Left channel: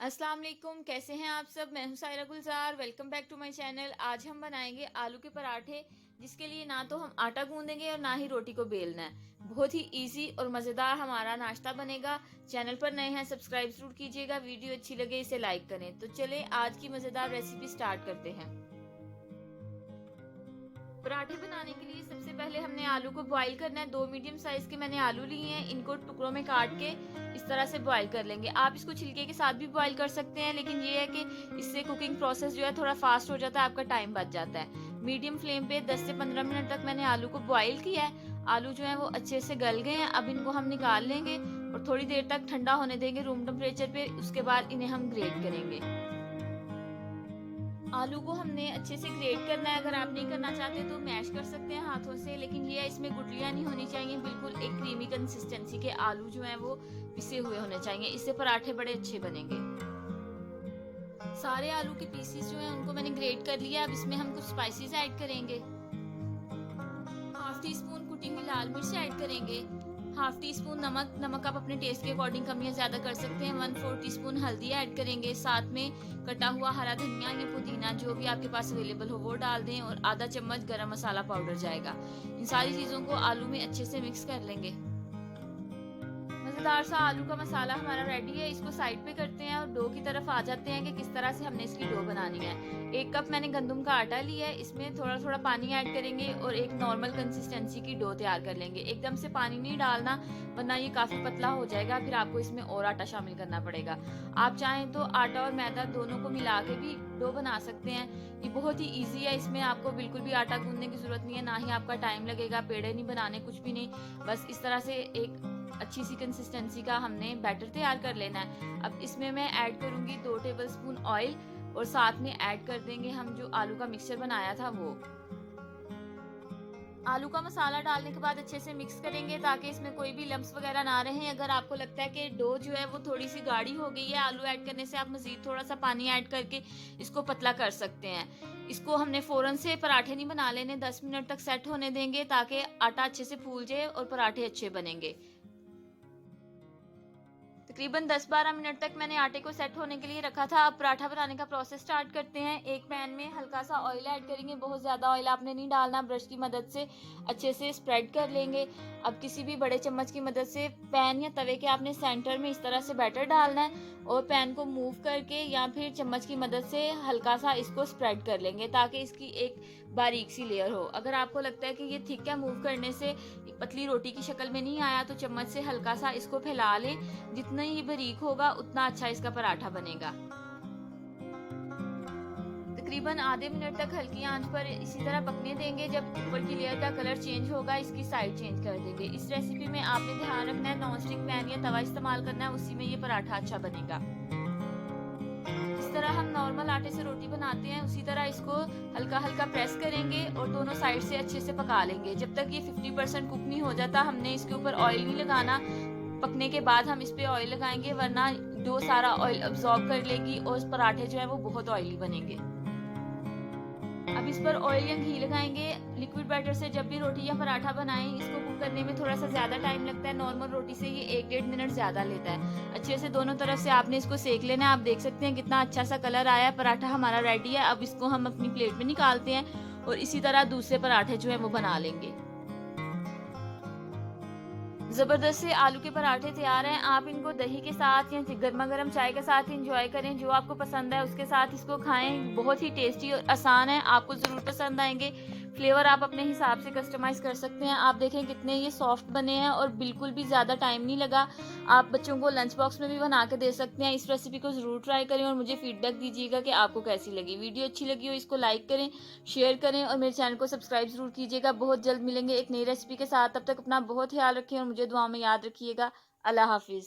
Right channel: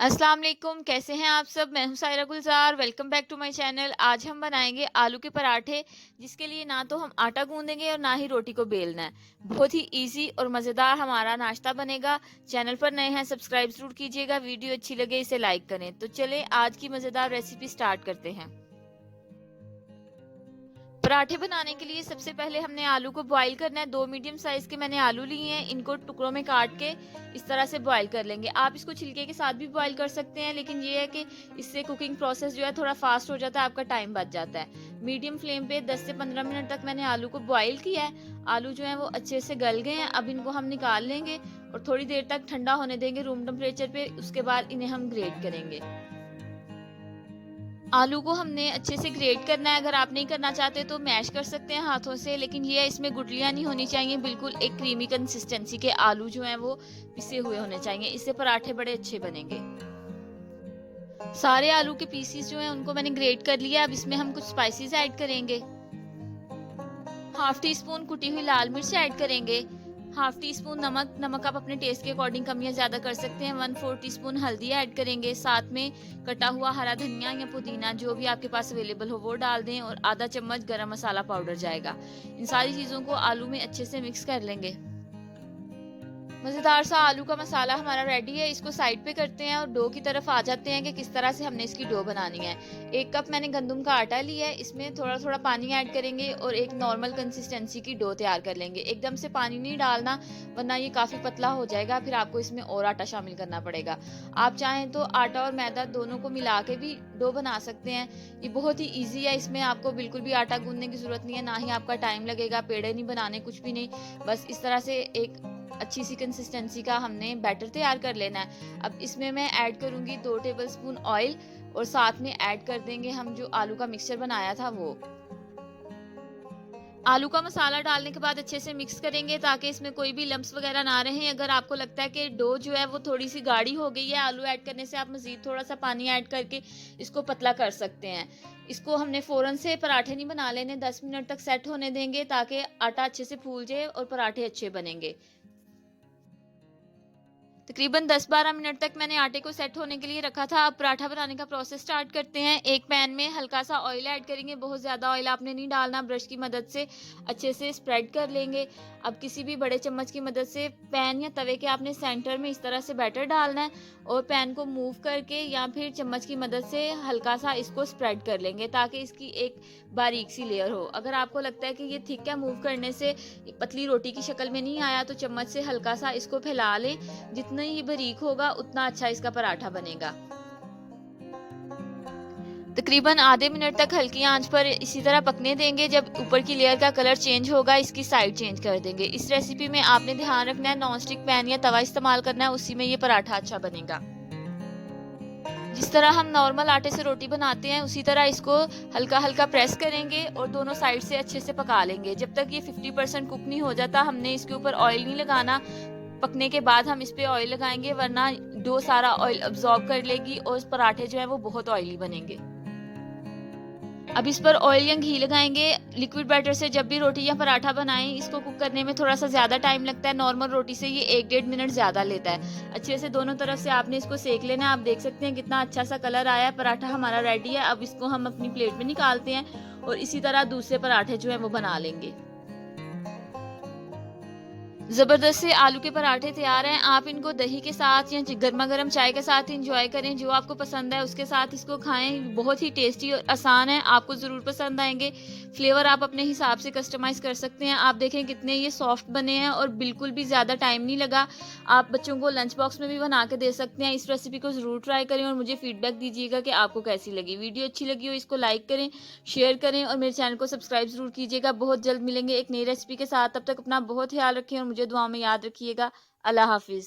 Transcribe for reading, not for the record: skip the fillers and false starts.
अस्सलाम वालेकुम, कैसे हैं आप सब। मैं हूं Saira Gulzar. Welcome back to my channel. आज हम बनाएंगे आलू के पराठे, जिसके लिए ना तो हम आटा गूंदेंगे और ना ही रोटी को बेलना है। बहुत ही इजी और मज़ेदार हमारा नाश्ता बनेगा। चैनल पर नए हैं, सब्सक्राइब जरूर कीजिएगा। वीडियो अच्छी लगे इसे लाइक करें। तो चलें आज की मज़ेदार रेसिपी स्टार्ट करते हैं। पराठे बनाने के लिए सबसे पहले हमने आलू को बॉईल करना है। 2 मीडियम साइज के मैंने आलू लिए हैं, इनको टुकड़ों में काट के इस तरह से बॉईल कर लेंगे। आप इसको छिलके के साथ भी बॉईल कर सकते हैं, लेकिन ये है कि इससे कुकिंग प्रोसेस जो है थोड़ा फास्ट हो जाता है, आपका टाइम बच जाता है। मीडियम फ्लेम पे 10 से 15 मिनट तक मैंने आलू को बॉईल किया है। आलू जो है वो अच्छे से गल गए हैं। अब इनको हम निकाल लेंगे और थोड़ी देर तक ठंडा होने देंगे रूम टेम्परेचर पे। उसके बाद इन्हें हम ग्रेट करेंगे। आलू को हमने अच्छे से ग्रेट करना है। अगर आप नहीं करना चाहते तो मैश कर सकते हैं हाथों से, लेकिन ये इसमें गुठलियां नहीं होनी चाहिए। बिल्कुल एक क्रीमी कंसिस्टेंसी के आलू जो हैं वो पिसे हुए होने चाहिए। इससे पराठे बड़े अच्छे बनेंगे। सारे आलू के पीसीस जो हैं उनको मैंने ग्रेट कर लिया। अब इसमें हम कुछ स्पाइसेस ऐड करेंगे। हाफ टी स्पून कुटी हुई लाल मिर्च ऐड करेंगे। हाफ टी स्पून नमक, नमक आप अपने टेस्ट के अकॉर्डिंग कम या ज्यादा कर सकते हैं। 1/4 टीस्पून हल्दी ऐड करेंगे। साथ में कटा हुआ हरा धनिया या पुदीना जो भी आपके पास अवेलेबल हो वो डाल दें, और आधा चम्मच गरम मसाला पाउडर जाएगा। इन सारी चीजों को आलू में अच्छे से मिक्स कर लेंगे। मजेदार सा आलू का मसाला हमारा रेडी है। इसको साइड पे करते हैं और डो की तरफ आ जाते हैं कि किस तरह से हमने इसकी डो बनानी है। 1 कप मैंने गंदम का आटा लिया है। इसमें थोड़ा थोड़ा पानी ऐड करेंगे और एक नॉर्मल कंसिस्टेंसी की डो तैयार कर लेंगे। एकदम से पानी नहीं डालना, वरना ये काफी पतला हो जाएगा, फिर आपको इसमें और आटा शामिल करना पड़ेगा। आप चाहें तो आटा और मैदा दोनों को मिला के भी डो बना सकते हैं। ये बहुत ही ईजी है। इसमें आपको बिल्कुल भी आटा गूंदने की जरूरत नहीं है, ना ही आपका टाइम लगेगा। पेड़े नहीं बनाने, कुछ भी नहीं। बस इस तरह से एक अच्छी सी कंसिस्टेंसी का हमने बैटर तैयार कर लेना है। अब इसमें मैं ऐड करूंगी 2 टेबलस्पून ऑयल, और साथ में ऐड कर देंगे हम जो आलू का मिक्सचर बनाया था वो। आलू का मसाला डालने के बाद अच्छे से मिक्स करेंगे ताकि इसमें कोई भी लम्स वगैरह ना रहे। अगर आपको लगता है कि डो जो है वो थोड़ी सी गाढ़ी हो गई है आलू ऐड करने से, आप मजीद थोड़ा सा पानी ऐड करके इसको पतला कर सकते हैं। इसको हमने फौरन से पराठे नहीं बना लेने, 10 मिनट तक सेट होने देंगे ताकि आटा अच्छे से फूल जाए और पराठे अच्छे बनेंगे। तकरीबन 10-12 मिनट तक मैंने आटे को सेट होने के लिए रखा था। अब पराठा बनाने का प्रोसेस स्टार्ट करते हैं। एक पैन में हल्का सा ऑयल ऐड करेंगे। बहुत ज़्यादा ऑयल आपने नहीं डालना। ब्रश की मदद से अच्छे से स्प्रेड कर लेंगे। अब किसी भी बड़े चम्मच की मदद से पैन या तवे के आपने सेंटर में इस तरह से बैटर डालना है, और पैन को मूव करके या फिर चम्मच की मदद से हल्का सा इसको स्प्रेड कर लेंगे ताकि इसकी एक बारीक सी लेयर हो। अगर आपको लगता है कि ये थिक है, मूव करने से पतली रोटी की शक्ल में नहीं आया, तो चम्मच से हल्का सा इसको फैला लें। जितना ये बारीक होगा उतना अच्छा इसका पराठा बनेगा। तकरीबन आधे मिनट तक हल्की आंच पर इसी तरह पकने देंगे। जब ऊपर की लेयर का कलर चेंज होगा, इसकी साइड चेंज कर देंगे। इस रेसिपी में आपने ध्यान रखना है नॉन स्टिक पैन या तवा इस्तेमाल करना है, उसी में ये पराठा अच्छा बनेगा। जिस तरह हम नॉर्मल आटे से रोटी बनाते हैं उसी तरह इसको हल्का हल्का प्रेस करेंगे और दोनों साइड से अच्छे से पका लेंगे। जब तक ये 50% कुक नहीं हो जाता, हमने इसके ऊपर ऑयल नहीं लगाना। पकने के बाद हम इस पे ऑयल लगाएंगे, वरना डो सारा ऑयल अब्सॉर्ब कर लेगी और पराठे जो है वो बहुत ऑयली बनेंगे। अब इस पर ऑयल या घी लगाएंगे। लिक्विड बैटर से जब भी रोटी या पराठा बनाएं, इसको कुक करने में थोड़ा सा ज्यादा टाइम लगता है। नॉर्मल रोटी से ये 1-1.5 मिनट ज्यादा लेता है। अच्छे से दोनों तरफ से आपने इसको सेक लेना है। आप देख सकते हैं कितना अच्छा सा कलर आया है। पराठा हमारा रेडी है। अब इसको हम अपनी प्लेट में निकालते हैं और इसी तरह दूसरे पराठे जो है वो बना लेंगे। जबरदस्त से आलू के पराठे तैयार हैं। आप इनको दही के साथ या गर्मा गर्म चाय के साथ इंजॉय करें। जो आपको पसंद है उसके साथ इसको खाएं। बहुत ही टेस्टी और आसान है, आपको जरूर पसंद आएंगे। फ्लेवर आप अपने हिसाब से कस्टमाइज कर सकते हैं। आप देखें कितने ये सॉफ्ट बने हैं और बिल्कुल भी ज्यादा टाइम नहीं लगा। आप बच्चों को लंच बॉक्स में भी बना के दे सकते हैं। इस रेसिपी को जरूर ट्राई करें और मुझे फीडबैक दीजिएगा कि आपको कैसी लगी। वीडियो अच्छी लगी हो इसको लाइक करें, शेयर करें और मेरे चैनल को सब्सक्राइब जरूर कीजिएगा। बहुत जल्द मिलेंगे एक नई रेसिपी के साथ। तब तक अपना बहुत ख्याल रखें और मुझे दुआ में याद रखिएगा। अल्लाह हाफिज।